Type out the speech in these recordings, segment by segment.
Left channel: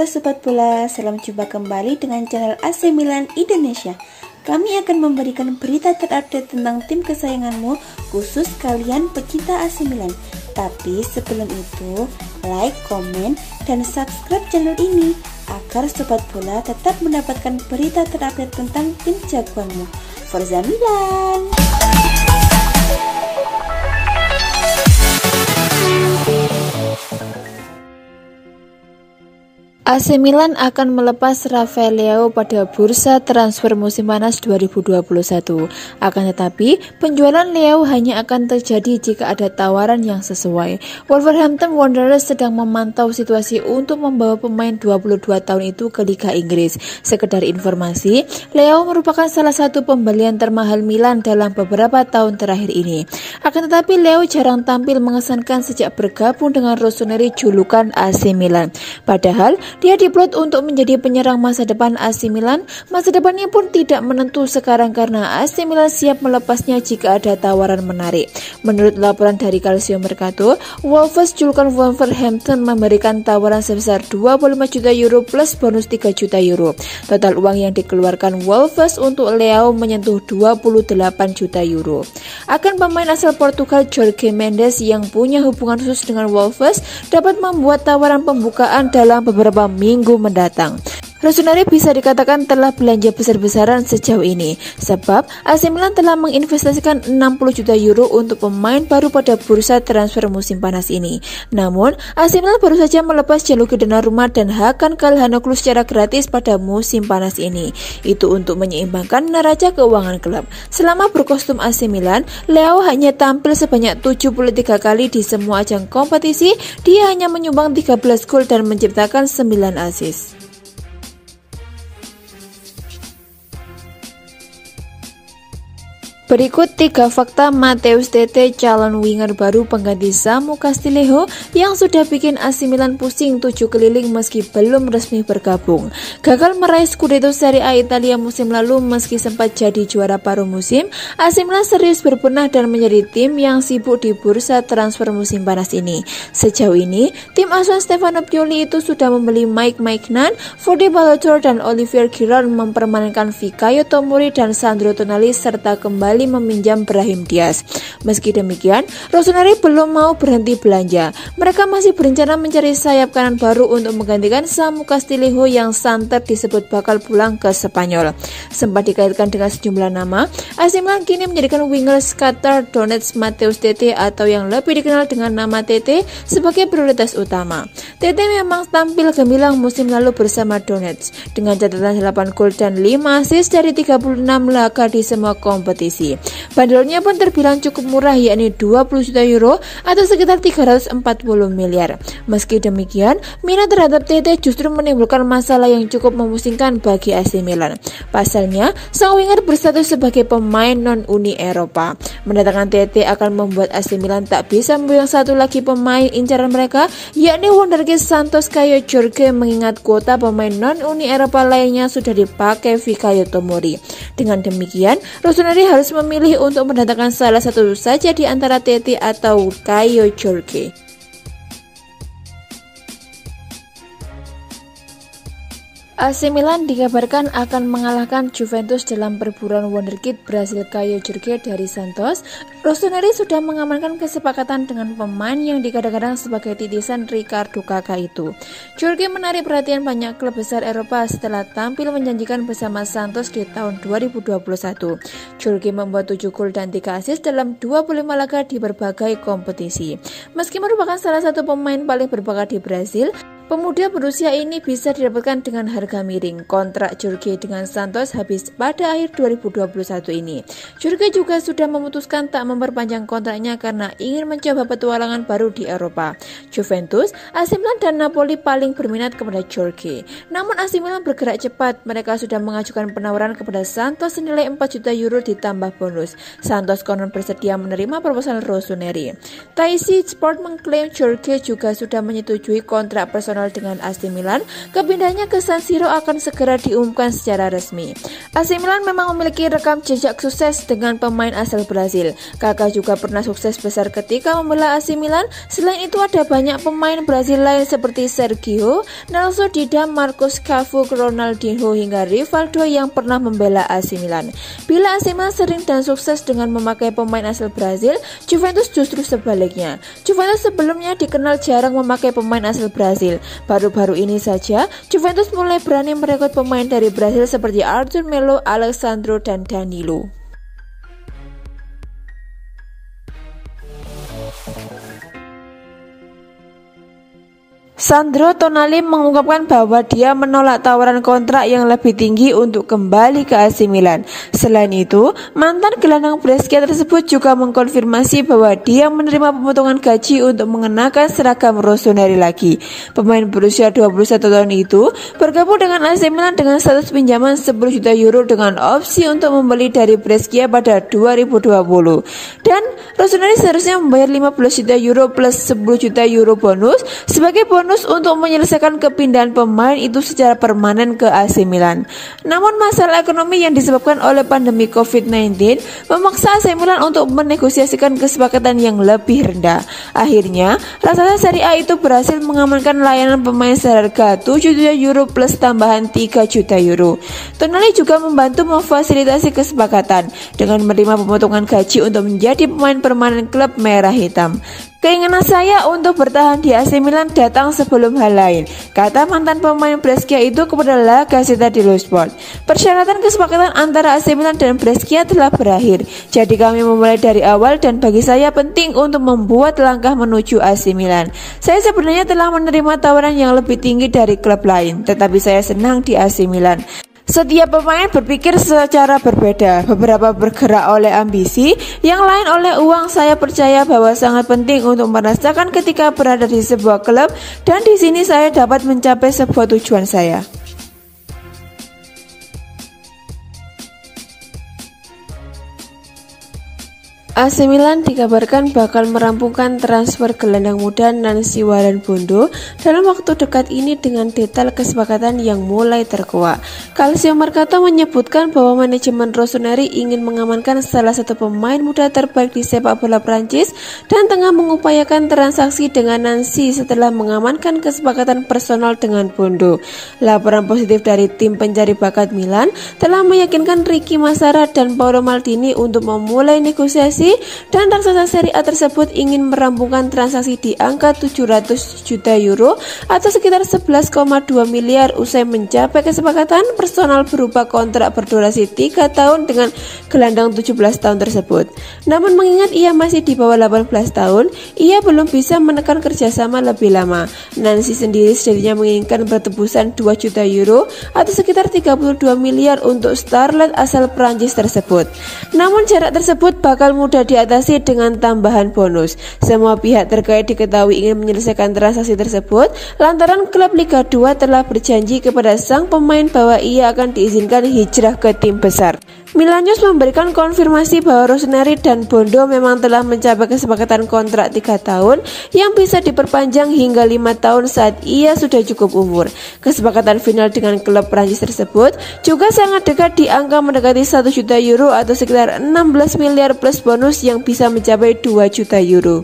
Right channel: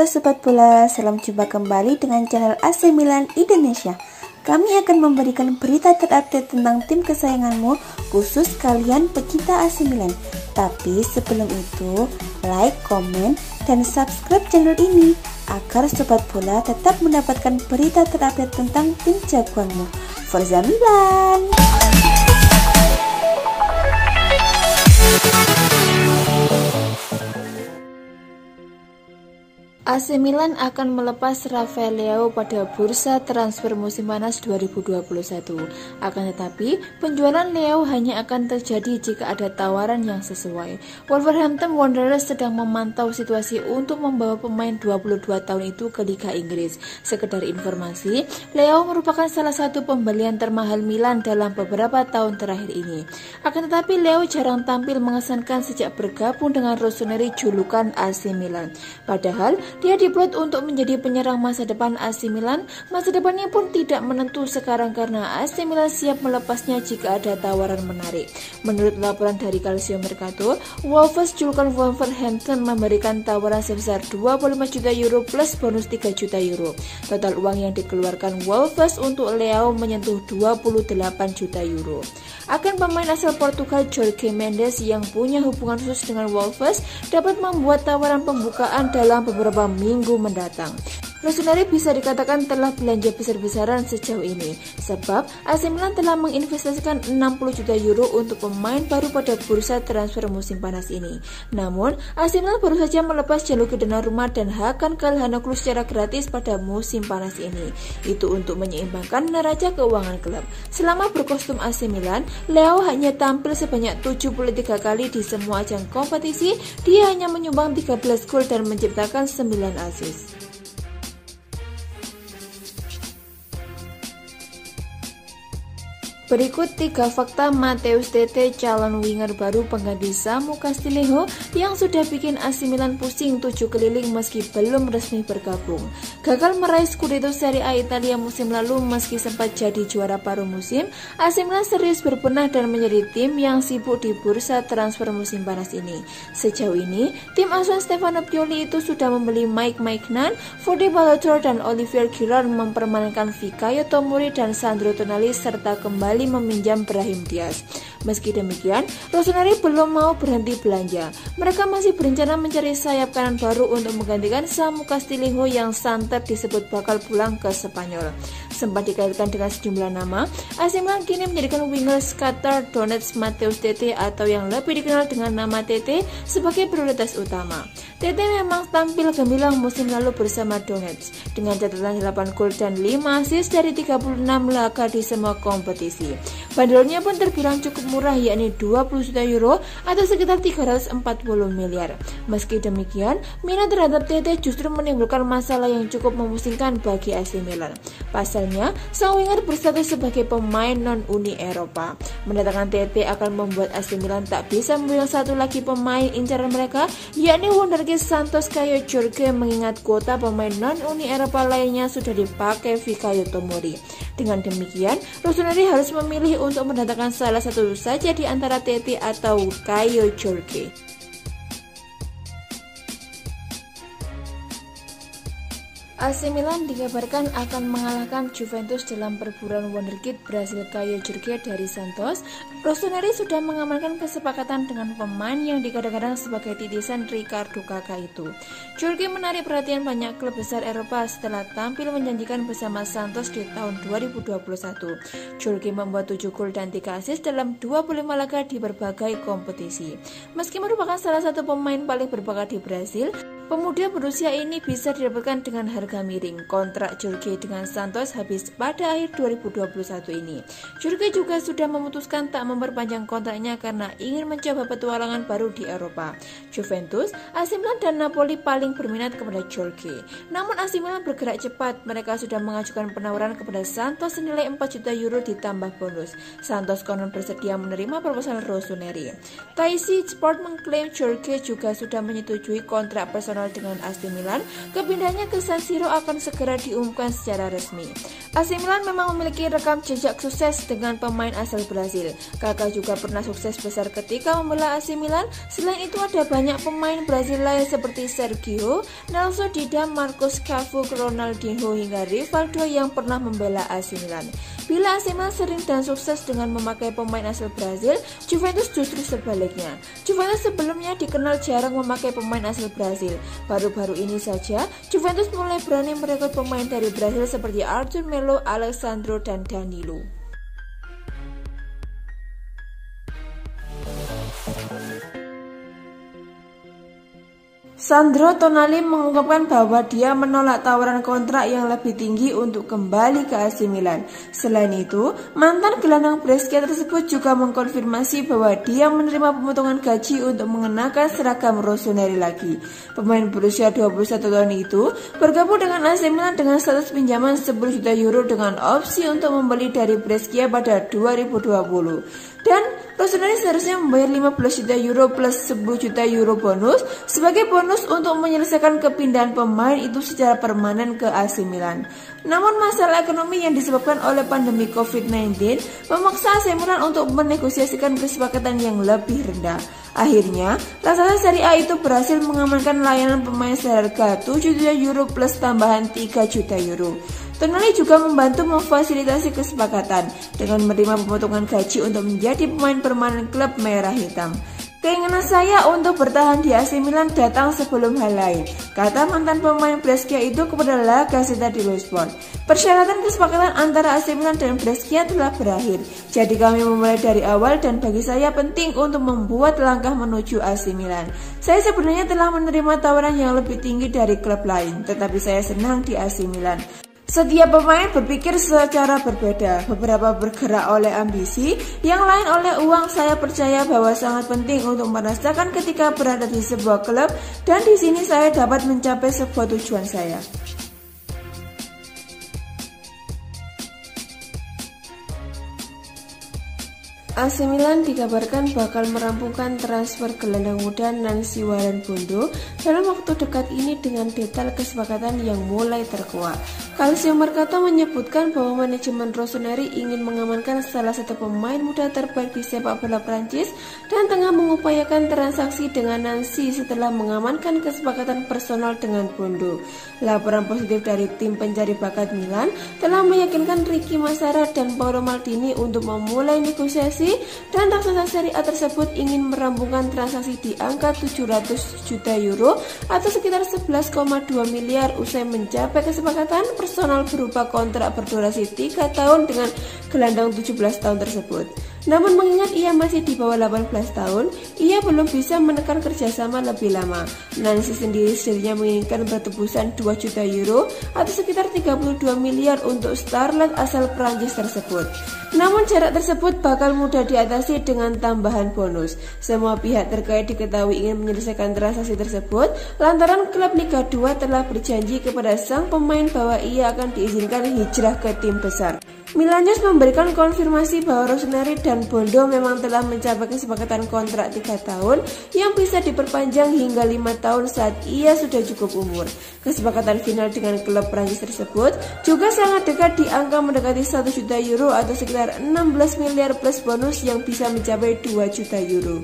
Halo Sobat Bola, salam jumpa kembali dengan channel AC Milan Indonesia. Kami akan memberikan berita terupdate tentang tim kesayanganmu, khusus kalian pecinta AC Milan. Tapi sebelum itu, like, komen, dan subscribe channel ini agar Sobat Bola tetap mendapatkan berita terupdate tentang tim jagoanmu. Forza Milan! AC Milan akan melepas Rafael Leao pada bursa transfer musim panas 2021. Akan tetapi, penjualan Leao hanya akan terjadi jika ada tawaran yang sesuai. Wolverhampton Wanderers sedang memantau situasi untuk membawa pemain 22 tahun itu ke Liga Inggris. Sekedar informasi, Leao merupakan salah satu pembelian termahal Milan dalam beberapa tahun terakhir ini. Akan tetapi, Leao jarang tampil mengesankan sejak bergabung dengan Rossoneri julukan AC Milan. Padahal, dia diplot untuk menjadi penyerang masa depan AC Milan. Masa depannya pun tidak menentu sekarang karena AC Milan siap melepasnya jika ada tawaran menarik. Menurut laporan dari Calcio Mercato, Wolves julukan Wolverhampton memberikan tawaran sebesar 25 juta euro plus bonus 3 juta euro. Total uang yang dikeluarkan Wolves untuk Leao menyentuh 28 juta euro. Akan pemain asal Portugal Jorge Mendes yang punya hubungan khusus dengan Wolves dapat membuat tawaran pembukaan dalam beberapa minggu mendatang. Rossoneri bisa dikatakan telah belanja besar-besaran sejauh ini, sebab AC Milan telah menginvestasikan 60 juta euro untuk pemain baru pada bursa transfer musim panas ini. Namun, AC Milan baru saja melepas Gianluigi Donnarumma dan Hakan Calhanoglu secara gratis pada musim panas ini. Itu untuk menyeimbangkan neraca keuangan klub. Selama berkostum AC Milan, Leao hanya tampil sebanyak 73 kali di semua ajang kompetisi. Dia hanya menyumbang 13 gol dan menciptakan 9 assist. Berikut 3 fakta Matheus Tete, calon winger baru pengganti Samu Castillejo yang sudah bikin AC Milan pusing 7 keliling meski belum resmi bergabung. Gagal meraih Scudetto Serie A Italia musim lalu meski sempat jadi juara paruh musim, AC Milan serius berbenah dan menjadi tim yang sibuk di bursa transfer musim panas ini. Sejauh ini, tim asuhan Stefano Pioli itu sudah membeli Mike Maignan, Fode Balotro, dan Olivier Giroud, mempermanenkan Fikayo Tomori dan Sandro Tonali serta kembali meminjam Brahim Diaz. Meski demikian, Rossoneri belum mau berhenti belanja. Mereka masih berencana mencari sayap kanan baru untuk menggantikan Samu Castillejo yang santer disebut bakal pulang ke Spanyol. Sempat dikaitkan dengan sejumlah nama, AC Milan kini menjadikan winger Shakhtar Donetsk Matheus Tete atau yang lebih dikenal dengan nama Tete sebagai prioritas utama. Tete memang tampil gemilang musim lalu bersama Donetsk dengan catatan 8 gol dan 5 assist dari 36 laga di semua kompetisi. Bandrolnya pun terbilang cukup murah, yakni 20 juta euro atau sekitar 340 miliar. Meski demikian, minat terhadap Tete justru menimbulkan masalah yang cukup memusingkan bagi AC Milan. Pasalnya, sang winger berstatus sebagai pemain non-Uni Eropa. Mendatangkan Tete akan membuat AC Milan tak bisa membuang satu lagi pemain incaran mereka, yakni wonderkid Santos Caio Jorge, mengingat kuota pemain non-Uni Eropa lainnya sudah dipakai Fikayo Tomori. Dengan demikian, Rossoneri harus memilih untuk mendatangkan salah satu saja di antara Tete atau Caio Jorge. AC Milan dikabarkan akan mengalahkan Juventus dalam perburuan wonderkid Brasil Caio Jorge dari Santos. Rossoneri sudah mengamankan kesepakatan dengan pemain yang digadang-gadang sebagai titisan Ricardo Kakak itu. Jorge menarik perhatian banyak klub besar Eropa setelah tampil menjanjikan bersama Santos di tahun 2021. Jorge membuat 7 gol dan 3 assist dalam 25 laga di berbagai kompetisi. Meski merupakan salah satu pemain paling berbakat di Brasil, pemuda berusia ini bisa didapatkan dengan harga miring. Kontrak Jorge dengan Santos habis pada akhir 2021 ini. Jorge juga sudah memutuskan tak memperpanjang kontraknya karena ingin mencoba petualangan baru di Eropa. Juventus, AC Milan, dan Napoli paling berminat kepada Jorge. Namun AC Milan bergerak cepat. Mereka sudah mengajukan penawaran kepada Santos senilai 4 juta euro ditambah bonus. Santos konon bersedia menerima proposal Rossoneri. Taisi Sport mengklaim Jorge juga sudah menyetujui kontrak personal dengan AC Milan. Kepindahannya ke San Siro akan segera diumumkan secara resmi. AC Milan memang memiliki rekam jejak sukses dengan pemain asal Brasil. Kakak juga pernah sukses besar ketika membela AC Milan. Selain itu ada banyak pemain Brazil lain seperti Sergio, Nelson Dida, Marcos Cafu, Ronaldinho hingga Rivaldo yang pernah membela AC Milan. Bila AC Milan sering dan sukses dengan memakai pemain asal Brazil, Juventus justru sebaliknya. Juventus sebelumnya dikenal jarang memakai pemain asal Brazil. Baru-baru ini saja, Juventus mulai berani merekrut pemain dari Brazil seperti Arthur Melo, Alexandro, dan Danilo. Sandro Tonali mengungkapkan bahwa dia menolak tawaran kontrak yang lebih tinggi untuk kembali ke AC Milan. Selain itu, mantan gelandang Brescia tersebut juga mengkonfirmasi bahwa dia menerima pemotongan gaji untuk mengenakan seragam rossoneri lagi. Pemain berusia 21 tahun itu bergabung dengan AC Milan dengan status pinjaman 10 juta euro dengan opsi untuk membeli dari Brescia pada 2020. Dan rossoneri seharusnya membayar 15 juta euro plus 10 juta euro bonus sebagai bonus untuk menyelesaikan kepindahan pemain itu secara permanen ke AC Milan. Namun masalah ekonomi yang disebabkan oleh pandemi COVID-19 memaksa AC Milan untuk menegosiasikan kesepakatan yang lebih rendah. Akhirnya, raksasa Serie A itu berhasil mengamankan layanan pemain seharga 7 juta euro plus tambahan 3 juta euro. Tonali juga membantu memfasilitasi kesepakatan dengan menerima pemotongan gaji untuk menjadi pemain permanen klub merah hitam. Keinginan saya untuk bertahan di AC Milan datang sebelum hal lain, kata mantan pemain Brescia itu kepada La Gazzetta dello Sport. Persyaratan kesepakatan antara AC Milan dan Brescia telah berakhir, jadi kami memulai dari awal dan bagi saya penting untuk membuat langkah menuju AC Milan. Saya sebenarnya telah menerima tawaran yang lebih tinggi dari klub lain, tetapi saya senang di AC Milan. Setiap pemain berpikir secara berbeda, beberapa bergerak oleh ambisi, yang lain oleh uang. Saya percaya bahwa sangat penting untuk merasakan ketika berada di sebuah klub dan di sini saya dapat mencapai sebuah tujuan saya. AC Milan dikabarkan bakal merampungkan transfer gelandang muda Nancy Warren-Bondo dalam waktu dekat ini dengan detail kesepakatan yang mulai terkuak. Calcio Mercato menyebutkan bahwa manajemen rossoneri ingin mengamankan salah satu pemain muda terbaik di sepak bola Prancis dan tengah mengupayakan transaksi dengan Nancy setelah mengamankan kesepakatan personal dengan Bondo. Laporan positif dari tim pencari bakat Milan telah meyakinkan Ricky Massara dan Paolo Maldini untuk memulai negosiasi dan raksasa Serie A tersebut ingin merampungkan transaksi di angka 700 juta euro atau sekitar 11,2 miliar usai mencapai kesepakatan personal berupa kontrak berdurasi 3 tahun dengan gelandang 17 tahun tersebut. Namun mengingat ia masih di bawah 18 tahun, ia belum bisa menekan kerjasama lebih lama. Nancy sendiri sejatinya menginginkan bertebusan 2 juta euro atau sekitar 32 miliar untuk starlet asal Prancis tersebut. Namun jarak tersebut bakal mudah diatasi dengan tambahan bonus. Semua pihak terkait diketahui ingin menyelesaikan transaksi tersebut lantaran klub Liga 2 telah berjanji kepada sang pemain bahwa ia akan diizinkan hijrah ke tim besar. Milan News memberikan konfirmasi bahwa Rossoneri dan Bondo memang telah mencapai kesepakatan kontrak 3 tahun yang bisa diperpanjang hingga 5 tahun saat ia sudah cukup umur. Kesepakatan final dengan klub Prancis tersebut juga sangat dekat di angka mendekati 1 juta euro atau sekitar 16 miliar plus bonus yang bisa mencapai 2 juta euro.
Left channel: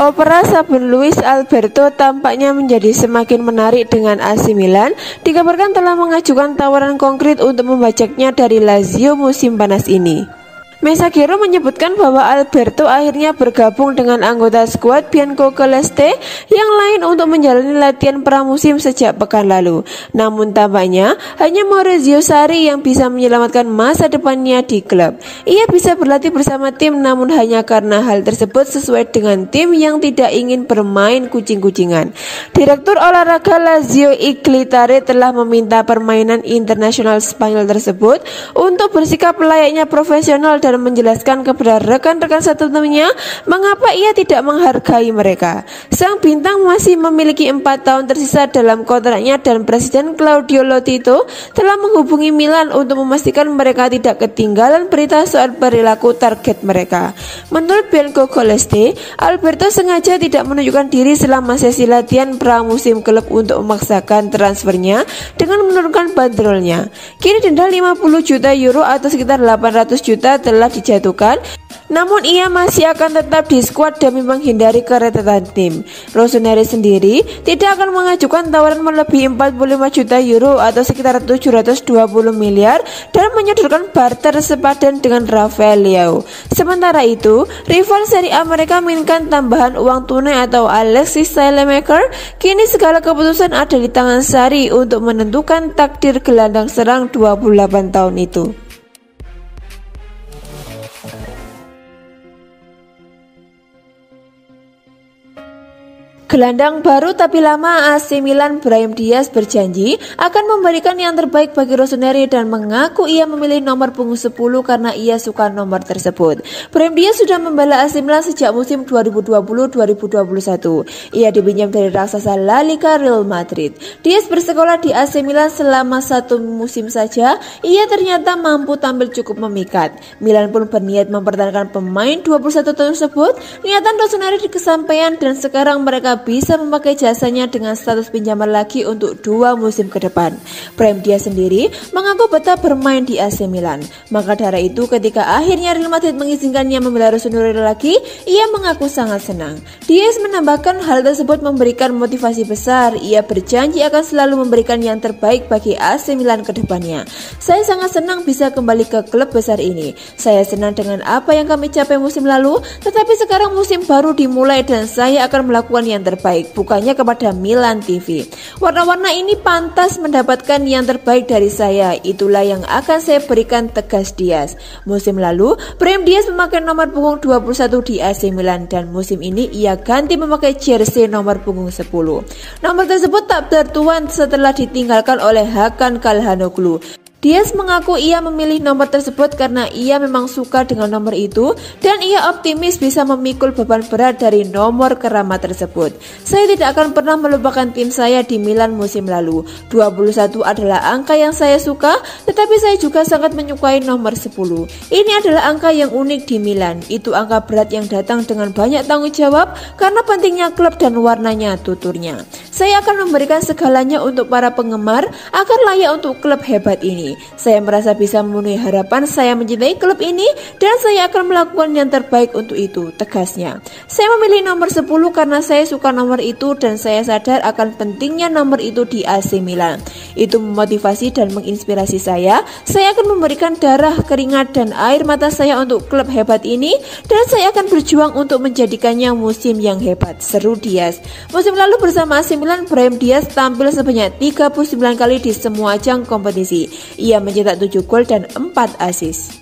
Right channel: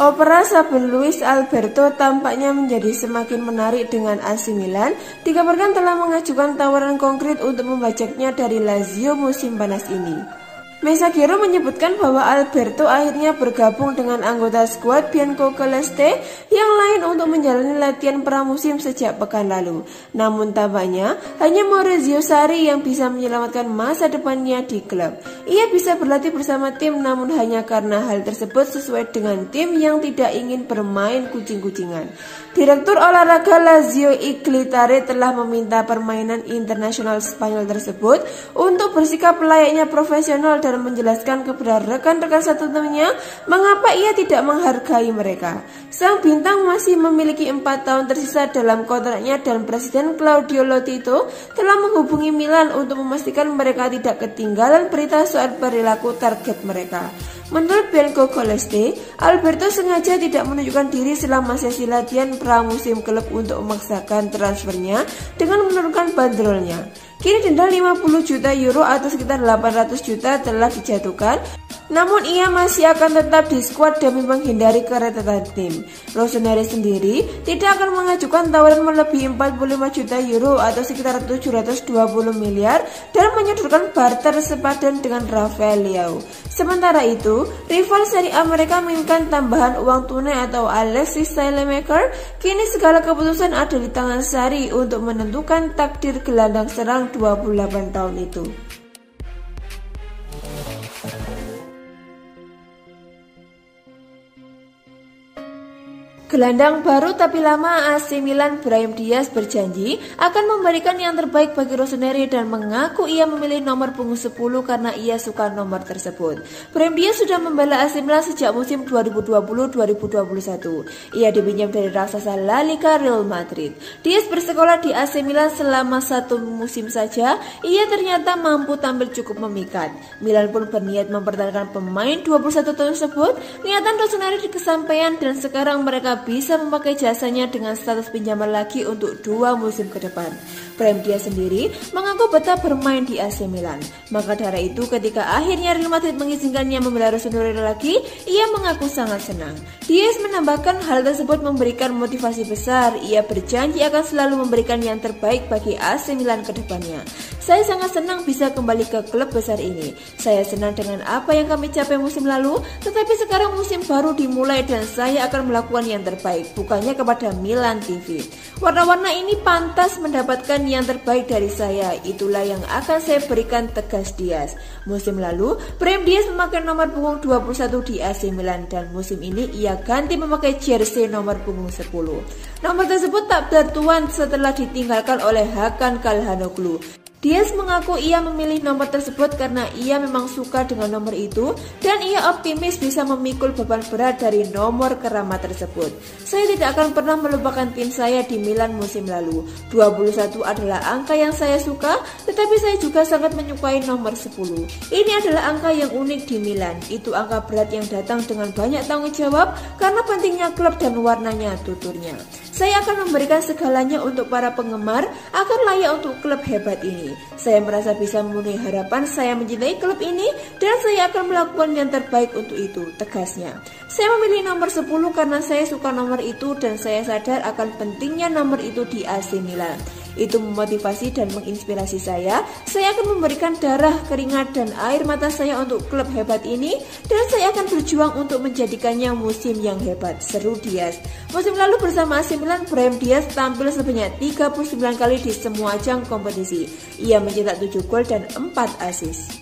Opera Sabun Luis Alberto tampaknya menjadi semakin menarik dengan AC Milan. Dikabarkan telah mengajukan tawaran konkret untuk membajaknya dari Lazio musim panas ini. Messaggero menyebutkan bahwa Alberto akhirnya bergabung dengan anggota skuad Biancoceleste yang lain untuk menjalani latihan pramusim sejak pekan lalu. Namun tampaknya hanya Maurizio Sarri yang bisa menyelamatkan masa depannya di klub. Ia bisa berlatih bersama tim namun hanya karena hal tersebut sesuai dengan tim yang tidak ingin bermain kucing-kucingan. Direktur olahraga Lazio Iglitare telah meminta permainan internasional Spanyol tersebut untuk bersikap layaknya profesional dan dan menjelaskan kepada rekan-rekan satu timnya mengapa ia tidak menghargai mereka. Sang bintang masih memiliki 4 tahun tersisa dalam kontraknya dan Presiden Claudio Lotito telah menghubungi Milan untuk memastikan mereka tidak ketinggalan berita soal perilaku target mereka. Menurut Bianco Celeste, Alberto sengaja tidak menunjukkan diri selama sesi latihan pramusim klub untuk memaksakan transfernya dengan menurunkan bandrolnya. Kini denda 50 juta euro atau sekitar 800 juta telah dijatuhkan, namun ia masih akan tetap di skuad demi menghindari keretetan tim. Rossoneri sendiri tidak akan mengajukan tawaran melebihi 45 juta euro atau sekitar 720 miliar dan menyodorkan barter sepadan dengan Rafael Leao. Sementara itu, rival Serie A mereka menginginkan tambahan uang tunai atau Alexis Saelemaekers. Kini segala keputusan ada di tangan Sarri untuk menentukan takdir gelandang serang 28 tahun itu. Gelandang baru tapi lama AC Milan Brahim Diaz berjanji akan memberikan yang terbaik bagi Rossoneri dan mengaku ia memilih nomor punggung 10 karena ia suka nomor tersebut. Brahim Diaz sudah membela AC Milan sejak musim 2020-2021. Ia dipinjam dari raksasa La Liga Real Madrid. Diaz bersekolah di AC Milan selama 1 musim saja. Ia ternyata mampu tampil cukup memikat. Milan pun berniat mempertahankan pemain 21 tahun tersebut. Niatan Rossoneri kesampaian dan sekarang mereka bisa memakai jasanya dengan status pinjaman lagi untuk 2 musim ke depan. Brahim Diaz sendiri mengaku betah bermain di AC Milan. Maka dari itu ketika akhirnya Real Madrid mengizinkannya membela Rossoneri lagi, ia mengaku sangat senang. Diaz menambahkan hal tersebut memberikan motivasi besar. Ia berjanji akan selalu memberikan yang terbaik bagi AC Milan ke depannya. Saya sangat senang bisa kembali ke klub besar ini. Saya senang dengan apa yang kami capai musim lalu, tetapi sekarang musim baru dimulai dan saya akan melakukan yang terbaik, bukannya kepada Milan TV. Warna-warna ini pantas mendapatkan yang terbaik dari saya, itulah yang akan saya berikan, tegas Diaz. Musim lalu, Brahim Diaz memakai nomor punggung 21 di AC Milan dan musim ini ia ganti memakai jersey nomor punggung 10. Nomor tersebut tak bertuan setelah ditinggalkan oleh Hakan Calhanoglu. Diaz mengaku ia memilih nomor tersebut karena ia memang suka dengan nomor itu dan ia optimis bisa memikul beban berat dari nomor keramat tersebut. Saya tidak akan pernah melupakan tim saya di Milan musim lalu. 21 adalah angka yang saya suka, tetapi saya juga sangat menyukai nomor 10. Ini adalah angka yang unik di Milan. Itu angka berat yang datang dengan banyak tanggung jawab karena pentingnya klub dan warnanya, tuturnya. Saya akan memberikan segalanya untuk para penggemar agar layak untuk klub hebat ini. Saya merasa bisa memenuhi harapan, saya mencintai klub ini dan saya akan melakukan yang terbaik untuk itu, tegasnya. Saya memilih nomor 10 karena saya suka nomor itu dan saya sadar akan pentingnya nomor itu di AC Milan. Itu memotivasi dan menginspirasi saya. Saya akan memberikan darah, keringat dan air mata saya untuk klub hebat ini dan saya akan berjuang untuk menjadikannya musim yang hebat, seru Diaz. Musim lalu bersama AC Milan, Brahim Diaz tampil sebanyak 39 kali di semua ajang kompetisi. Ia mencetak 7 gol dan 4 assist.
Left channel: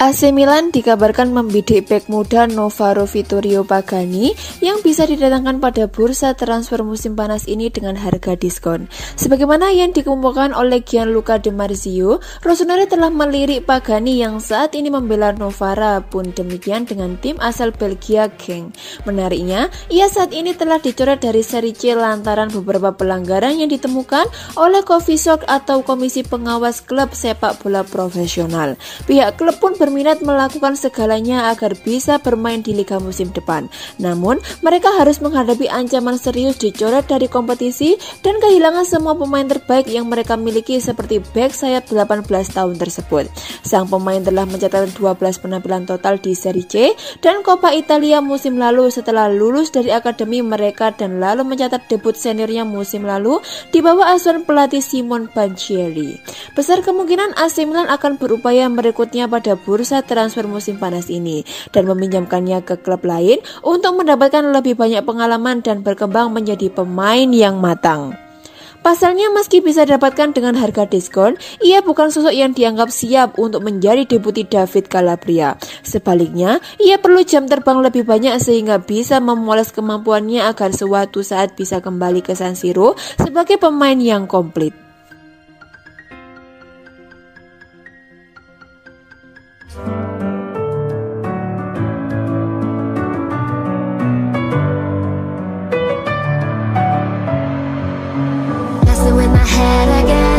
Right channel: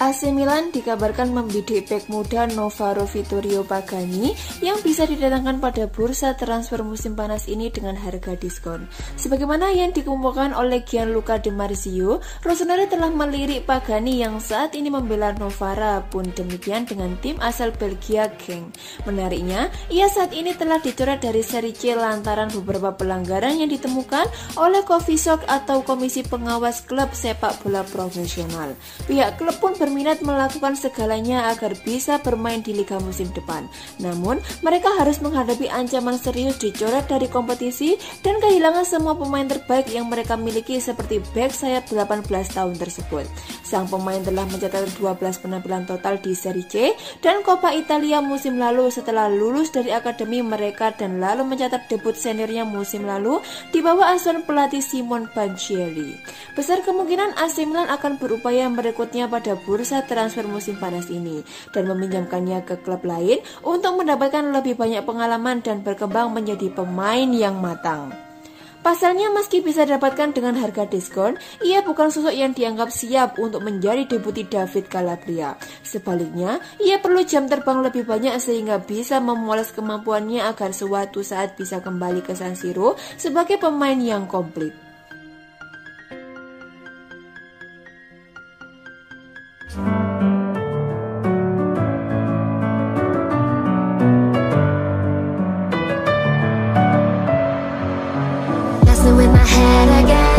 AC Milan dikabarkan membidik bek muda Novaro Vittorio Pagani yang bisa didatangkan pada bursa transfer musim panas ini dengan harga diskon. Sebagaimana yang dikumpulkan oleh Gianluca Di Marzio, Rossoneri telah melirik Pagani yang saat ini membela Novara, pun demikian dengan tim asal Belgia Genk. Menariknya, ia saat ini telah dicoret dari Serie C lantaran beberapa pelanggaran yang ditemukan oleh Covisok atau Komisi Pengawas Klub Sepak Bola Profesional. Pihak klub pun berminat melakukan segalanya agar bisa bermain di liga musim depan. Namun, mereka harus menghadapi ancaman serius dicoret dari kompetisi dan kehilangan semua pemain terbaik yang mereka miliki seperti bek sayap 18 tahun tersebut. Sang pemain telah mencatat 12 penampilan total di Serie C dan Coppa Italia musim lalu setelah lulus dari akademi mereka dan lalu mencatat debut seniornya musim lalu di bawah asuhan pelatih Simon Banchieri. Besar kemungkinan AC Milan akan berupaya merekrutnya pada bursa transfer musim panas ini dan meminjamkannya ke klub lain untuk mendapatkan lebih banyak pengalaman dan berkembang menjadi pemain yang matang. Pasalnya meski bisa dapatkan dengan harga diskon, ia bukan sosok yang dianggap siap untuk menjadi deputi David Calabria. Sebaliknya, ia perlu jam terbang lebih banyak sehingga bisa memoles kemampuannya agar suatu saat bisa kembali ke San Siro sebagai pemain yang komplit. Messing with my head again.